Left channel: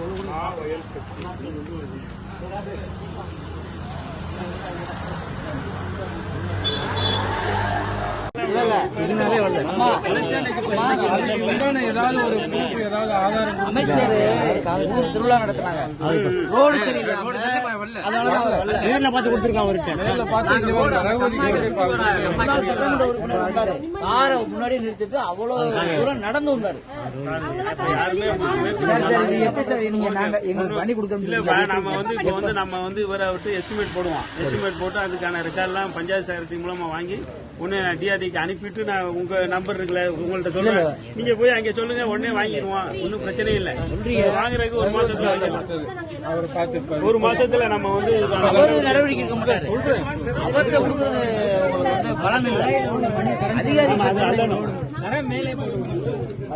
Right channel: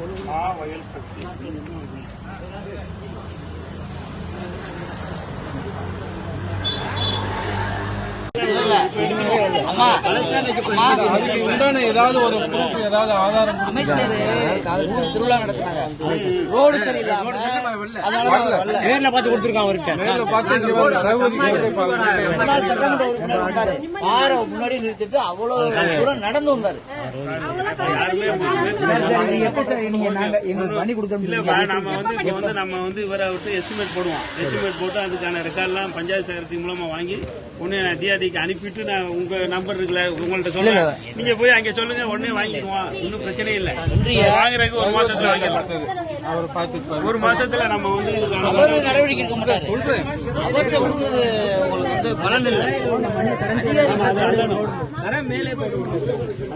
உண்டான ஏதாவது ஒரு proof, ஏதாவது ஆதாரம் அமைச்சர் ஊர் திருவிழா ரோடு. நேர்ல பார்த்து கொடுத்துருக்கான் நேர்ல பார்த்து சட்டமன்ற உறுப்பினர் வந்தாரு. காரை முன்னாடி நிறுத்திட்டு அவ்வளவு தூரம் நடந்து வந்தாரு. சார் சார் இது எப்படி சார்? நீங்க நாங்க எங்களுக்கு பண்ணி கொடுக்க நம்ம வந்து நம்ம வந்து இவரை விட்டு எஸ்டிமேட் போடுவோம். எஸ்டிமேட் போட்டு அதுக்கான ரெக்கார்ட்லாம் பஞ்சாயத்து செயலகத்தின் மூலமா வாங்கி நான் டிஆர்டிக்கு அனுப்பிட்டு நான் உங்க நம்பர் இருக்குல்ல உங்கள்ட்ட சொல்லுங்க நீங்க போய் அங்க சொல்லுங்க உடனே வாங்கிக்குவோம். ஒன்றும் பிரச்சனை இல்லை. வாங்குறதுக்கு ஒரு மாசத்துல வாங்கிடலாம் ஒரு மாசத்துல நம்ம வந்து நடவடிக்கை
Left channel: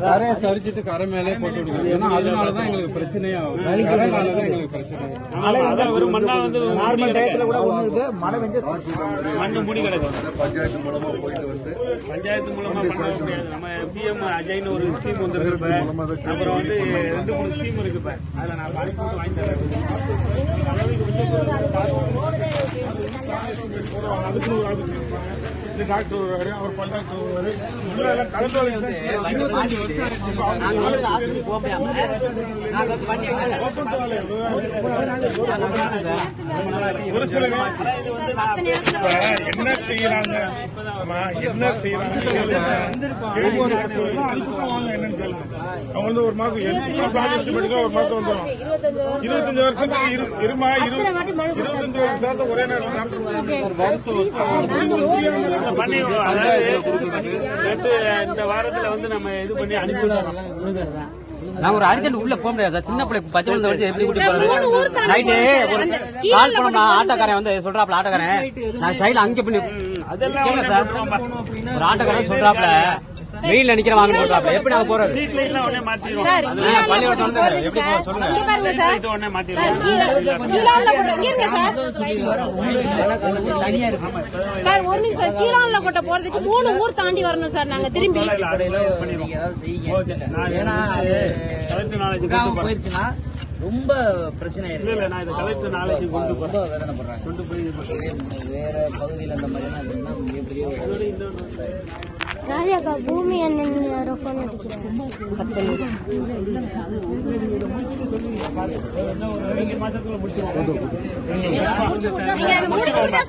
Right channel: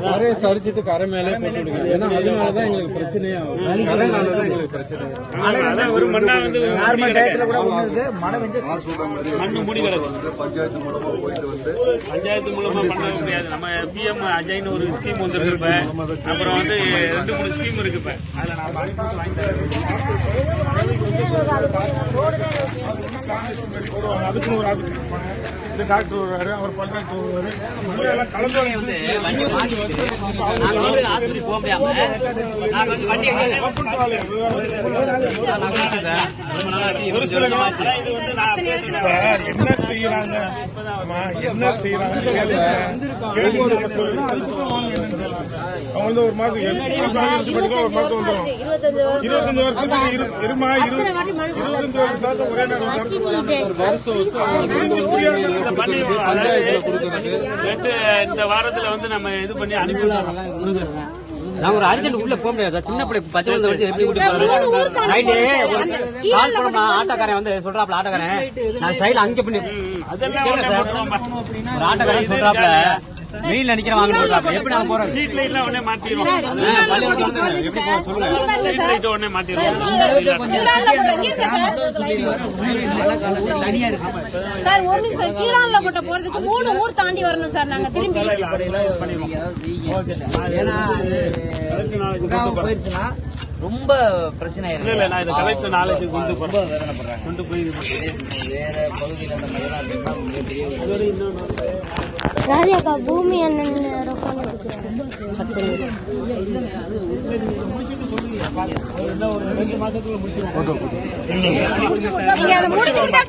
கரையை சரிச்சிட்டு கரை மேலே போட்டு விடுங்க. ஏன்னா அதனாலதான் எங்களுக்கு கரைனாலதான் எங்களுக்கு பிரச்சனை. ஒரு நார்மல் டயத்துல கூட ஒண்ணு இருக்கு. மழை பெஞ்சு மண்ணு மூடி கிடக்கும் பஞ்சாயத்து மூலமா போயிட்டு வந்து பஞ்சாயத்து மூலமா பண்ண முடியாது. நம்ம பிஎம் அஜய்னு ஒரு ஸ்கீம் வந்துருக்கு இப்ப அப்புறம் வந்து ரெண்டு மூணு ஸ்கீம் இருக்கு இப்ப அதை நான் அனுப்பி வாங்கி தரேன். இந்த டாக்டர் வருவாரு அவர் பஞ்சாயத்து வருவாரு கலந்தாலே வந்து நாங்க வந்து ஆஸ்பத்திரி போக முடியாம நாங்க வந்து வண்டி ஒரு சில என்ன செய்யறாங்க என்ன செய்யறாங்க கேளுங்க. கேள்வி அவங்க வந்து ஒரு வந்துடும் இருபத்தஞ்சு வருஷத்துக்கு இருமா இருபத்தஞ்சு இந்த வாரத்துல வந்து நம்ம இது பண்ணி அனுப்பிடலாம். நான் ஒரு அர்ஜென்ட் உள்ள போக முடியாது. சார். சின்ன பிள்ளைக்கு பச்சை வயசுல வச்சு எப்படி கூட்டிட்டு நைட்டு கால் பண்ண ஆட்டோக்காரன் வந்து சொல்றாப்ல ஆட்டோக்காரன். நான் சைடுல அங்க பண்ணி அதெல்லாம் ஆட்டோக்காரன் சொல்றாப்ல வெயில்ல நிக்கிற வாங்க எப்படி நாங்க போறோம் சீட் லைட்லாம் உடனே மாத்திடுவோம். லைட் உடனே மாத்திடுவோம். சார் ஒரு நிமிஷம் கீழான்ல போறதுக்கு மூணு ஊர் தாண்டி வரணும் சார் நாங்க திரும்பி. போயிருச்சுன்னா ரொம்ப பிரச்சனை இல்ல இல்ல நான் இதை கலெக்டர் நாளைக்கு கொண்டு பண்றாங்க கொண்டு போய். வேற பகுதியில் இந்த மாதிரிலாம் இருந்தா மிகப்பெரிய ராஜாக்கா பூமி அண்ணன் ஃபோன்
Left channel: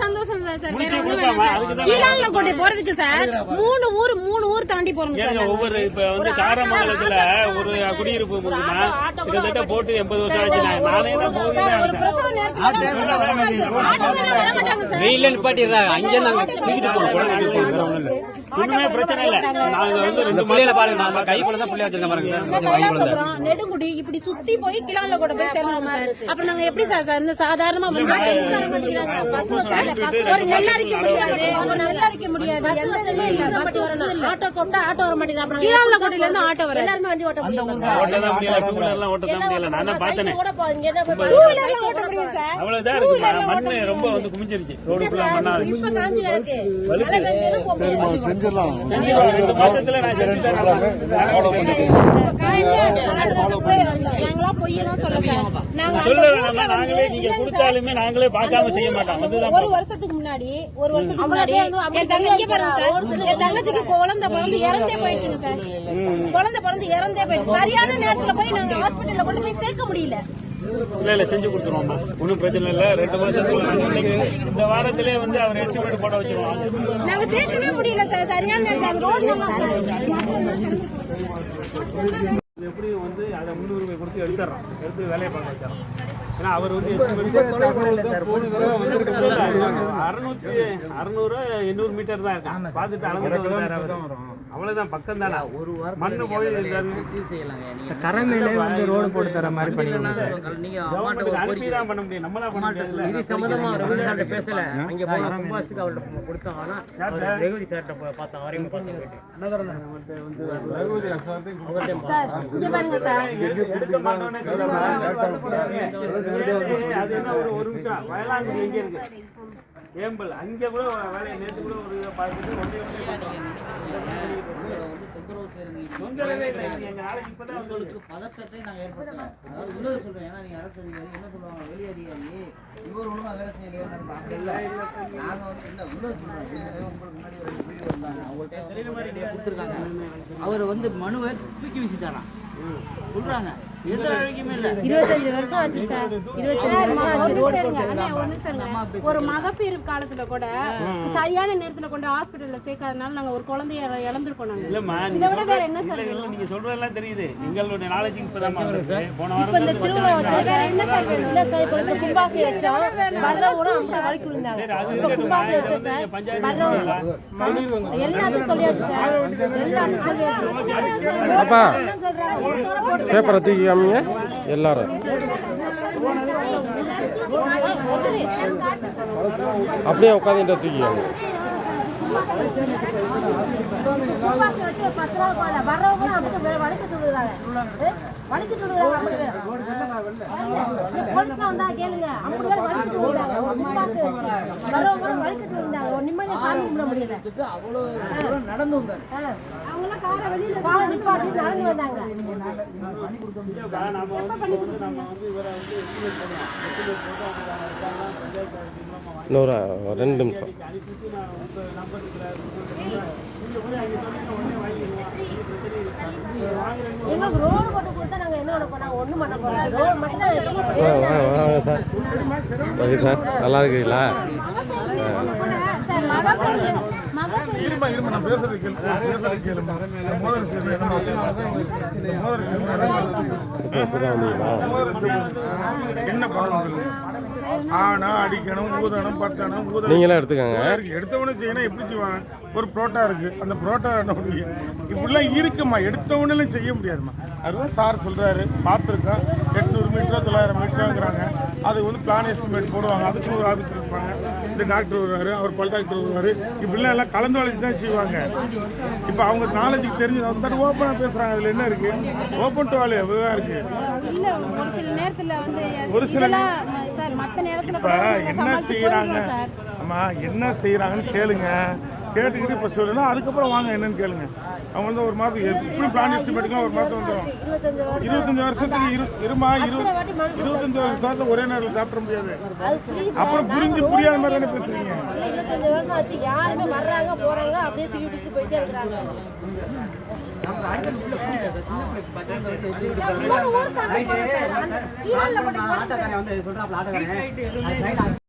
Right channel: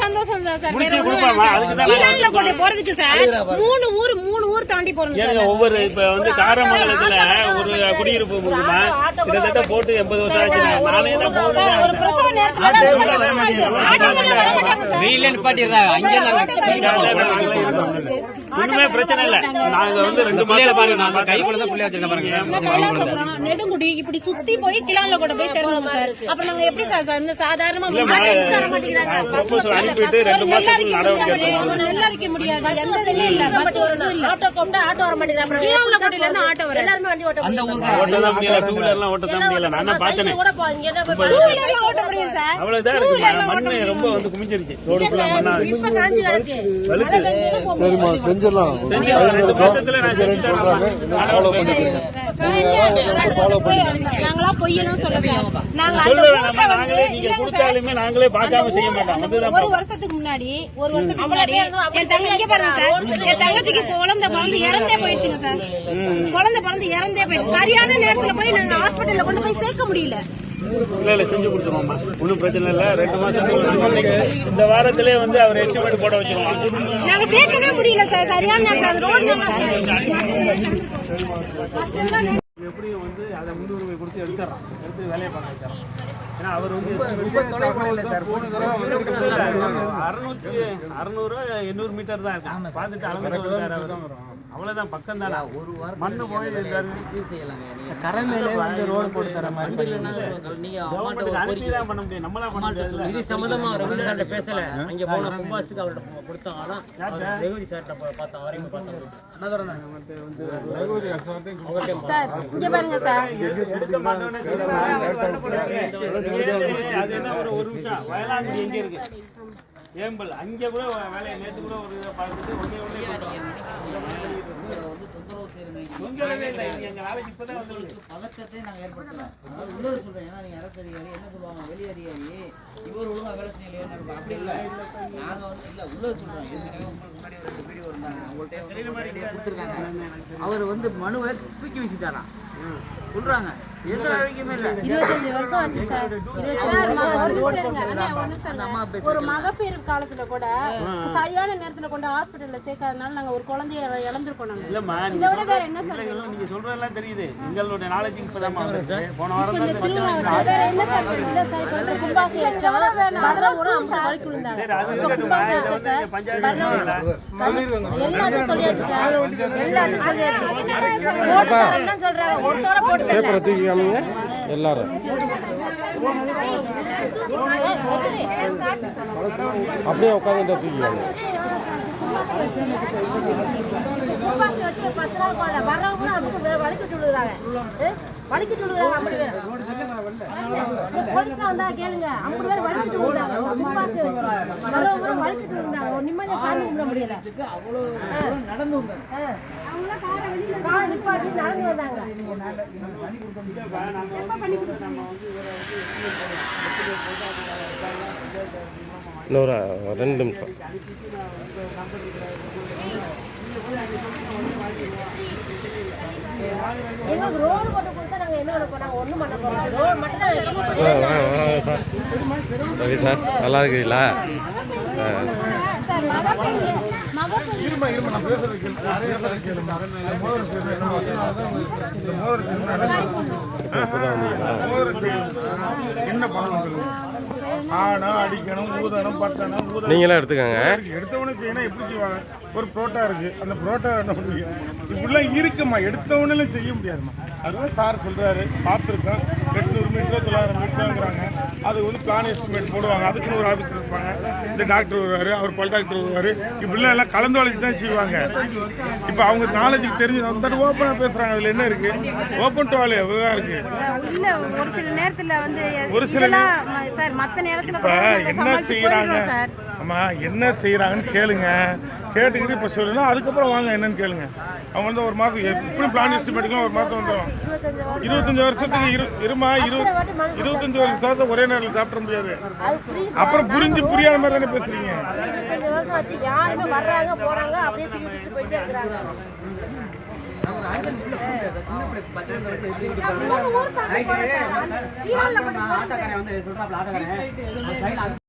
சந்தோஷம் தான் சார். வேற ஒண்ணும் போறதுக்கு மூணு ஊர் மூணு ஊர் தாண்டி போறோம் ஒவ்வொரு இப்ப வந்து காரமங்கலத்துல ஒரு குடியிருப்பு இருக்குன்னா கிட்டத்தட்ட போட்டு எண்பது வருஷம் ஆச்சு நானே தான் நிப்பாட்டிடுறாங்க அங்கே நாங்க பிரச்சனை இல்ல. நாங்க வந்து ரெண்டு மாசம் பாருங்க. நான் பாருங்க நெடுங்குடி இப்படி சுத்தி போய் கிளான்ல கூட போய் சேரணும் சார். அப்ப நாங்க எப்படி சார் சாதாரணமா நெல்லரிக்க முடியாது. பஸ் வரணும் இல்ல. ஆட்டோ கூப்பிட்டா ஆட்டோ வர மாட்டேங்கிறாங்க கிளான்ல கோட்டையில இருந்து ஆட்டோ வர எல்லாருமே வண்டி ஓட்ட அந்த ஊருக்கு ஓட்ட தான் முடியல டூ வீலர்லாம் ஓட்ட தான் முடியல. நான் தான் பார்த்தேனே? கூட டூ ஓட்ட முடியும் சார். அவ்வளவுதான் இருக்கு. மண்ணு ரொம்ப வந்து குமிஞ்சிருச்சு. ரோடு ஃபுல்லா மண்ணா இருக்கு. வழுக்கு. ரெண்டு மாசத்துல நான் சொல்றாங்க. ஃபாலோ பண்ணிக்கிறேன். ஃபாலோ நாங்களா பொய்யெல்லாம் சொல்ல சார். நாங்க அந்த சொல்ல ஊர்ல வேணாமா வந்து- நாங்களே நீங்க இல்லைங்க சார். கொடுத்தாலுமே நாங்களே பார்க்காம செய்ய மாட்டோம். அந்த அதுதான் ஒரு வருஷத்துக்கு முன்னாடி ஒரு வருஷத்துக்கு முன்னாடி என் தங்கச்சி பாருங்க சார். என் தங்கச்சிக்கு குழந்தை பிறந்து இறந்தே போயிடுச்சுங்க சார். குழந்தை பிறந்து இறந்தே போயிடுச்சு. சரியான நேரத்துல போய் நாங்க ஹாஸ்பிட்டல்ல கொண்டு போய் சேர்க்க முடியல. இல்ல இல்ல செஞ்சு கொடுத்துருவோம்மா. ஒன்றும் பிரச்சனை இல்ல. ரெண்டு மாசத்துக்கு இந்த வாரத்திலே வந்து அவர் எஸ்டிமேட் போட வச்சிருவோம் சேர்க்கவே முடியல சார். சரியான ரோடு எப்படியும் வந்து அதை முன்னுரிமை கொடுத்து எடுத்துறோம் எடுத்து வேலையை பார்க்க வச்சிடறோம் ஏன்னா அவர் வந்து அறுநூத்தி அறுநூறு எண்ணூறு மீட்டர் தான் இருக்கான் பார்த்துட்டு அவரு. அவ்வளவுதான் பக்கம் தானே. மண்ணு போய் ரோடு போட்டு தர மாதிரி ஒரு அனுப்பி தான் பண்ண முடியும். நம்மளா பண்ண முடியாதுல்ல இது சம்பந்தமா ரகுதி சார்ட்ட பேசல. அங்க போன கும்பாசுக்கு அவர்கிட்ட கொடுத்தோம். ஆனா அவர் ரகுதி சார்ட்ட பா- பார்த்தோம் அவரையும் பார்த்தோம் சார். இங்க பாருங்க சார். கொடுக்க மாட்டோம்னு அது என்ன ஒரு ஒரு நிமிஷம் வயலாங்குடி எங்க இருக்கு ஏம்பல் அங்க கூட வேலையை நேற்று கூட ஒரு உங்களுக்கு உண்மையை சொல்றேன் ஏன்னா நீங்க அரசு அதிகாரி என்ன சொல்லுவாங்க வெளி இவர் ஒழுங்கா வேலை அப்படி வந்து உள்ள சொல்றோம் உங்களுக்கு முன்னாடி ஒரு வீடியோ வந்தாங்க அவங்கள்ட்ட கொடுத்துருக்காங்க அவர் வந்து மனுவை தூக்கி வீசிட்டாராம். சொல்றாங்க. எந்த நடவடிக்கையுமே இல்ல. இருபத்தஞ்சு வருஷம் ஆச்சு சார். அம்மா ஒரு மகப்பேறு காலத்துல கூட சரியான நேரத்துல கொண்டு ஹாஸ்பிடல்ல சேர்க்காதனால நாங்க ஒரு குழந்தைய இழந்திருக்கோம் நாங்க. இல்லம்மா இதை விட வேற என்ன சார் நீங்க சொல்றதெல்லாம் தெரியுது. எங்களுடைய நாலேஜ் இப்பதான் வந்துருச்சு போன வாரம் இப்ப இந்த திருவிழா வந்து வேற என்ன சார் வேணும்? இல்ல சார் இப்ப வந்து கும்பாசி வச்சோம் அதெல்லாம் ஒரு அம்சம் வரைக்கும் இருந்தாங்க. சரி அது இருக்கட்டும் இதை வந்து நீங்க பஞ்சாயத்து சொல்லுங்களேன். எல்லாத்தையும் சொல்லியாச்சு சார். எல்லாத்தையும் சொல்லியாச்சு. அப்பா. என்ன சொல்றாங்க ஒருத்தோட போட்டு பேப்பரை தூக்கி காமிங்க எல்லாரும் அப்படியே உட்காந்துட்டு தூக்கி காமிங்க கும்பாசி வச்சு ஒரு பத்து ரூபா போடல வந்தா கேளுங்க. ஐம்பது பேர் வலிக்கிட்டு விடுறாங்க ஒரு கும்பாசி வச்சு. வர்றவங்க கூட வலிக்கிட்டு விடுறாங்க ஒரு நிம்மதியா சாமி கும்பிட முடியல. அவ்வளோ தூரம் நடந்து வந்தாங்க அவங்களாம் காரை வெளியில காரை நிப்பாட்டி நடந்து வந்தாங்க. எப்ப பண்ணி கொடுத்தீங்க? இன்னொரு ரெண்டு நிமிஷம். எங்களுக்கு ரோடு போட்டு கொடுத்தா நாங்க என்ன பண்ண போறோம் ஒண்ணும் பண்ண போறோம். ரோடு மட்டும் தான் ஆ, வாங்க வாங்க சார். சரி சார். நல்லா இருக்கிறீங்களா ஆ சார் மகப்பேறு மகப்பேறு இருமா இருமா நான் பேசுறது கேளு முதல் சேவை என்ன முதல் இப்போ இப்போ தான் வந்தீங்களா என்ன பண்ணணும் ஆனா அடிக்கணும் ஊதணும் பத்தணும் ஊதணும் நீங்களே எடுத்துக்கோங்க. எடுத்தவனே செய்யணும். எப்படி செய்வாங்க ஒரு புரோட்டா இருக்கு அந்த புரோட்டா என்ன முடியும் இப்படிலாம் இருக்குமா? எடுத்தவனே செய்ய முடியாதுமா. அதுவும் சார் சொல்றாரு. பார்த்துருக்கேன். எட்நூறு மீட்டர் தொள்ளாயிரம் மீட்டருங்கிறாங்க. அது வந்து பிளான் எஸ்டிமேட் போடுவாங்க. அதுக்கு ஒரு ஆஃபீஸ் இருப்பாங்க. இந்த டாக்டர் வருவாரு அவர் பல் டாக்டர் வருவாரு. இப்படிலாம் எல்லாம் கலந்து வளைச்சு தான் செய்வாங்க. இப்போ அவங்க நாலேஜுக்கு தெரிஞ்சு அந்த ஓப்பனாக பேசுறாங்க. அதுல என்ன இருக்கு? ஓப்பன் டோலே விவகாரம் இருக்கு. இல்ல ஒரு சில நேரத்துல வந்து ஒரு சில சார் மத்த நேரத்துல என்ன சமாளிச்சு செய்யறாங்க போயிடுவோம் சார் ஆமா என்ன செய்யறாங்கன்னு கேளுங்க. கேட்டுக்கிட்டு இப்ப சொல்லுங்க. அதுக்கப்புறம் வாங்க என்னன்னு கேளுங்க. அவங்க வந்து ஒரு மாதம் எப்படி பிளான் எஸ்டிமேட்டுக்கு ஒரு மாதம் வந்துடும் இருபத்தஞ்சு வருஷத்துக்கு இரு இருமா இரு இருபத்தஞ்சு வருஷத்தை ஒரே நேரத்தில் சாப்பிட முடியாது. அப்புறம் புரிஞ்சு புரியாத மாதிரி தானே பேசுறீங்க? ஆட்டோக்காரன் வந்து சொல்றாப்ல ஆட்டோக்காரன்.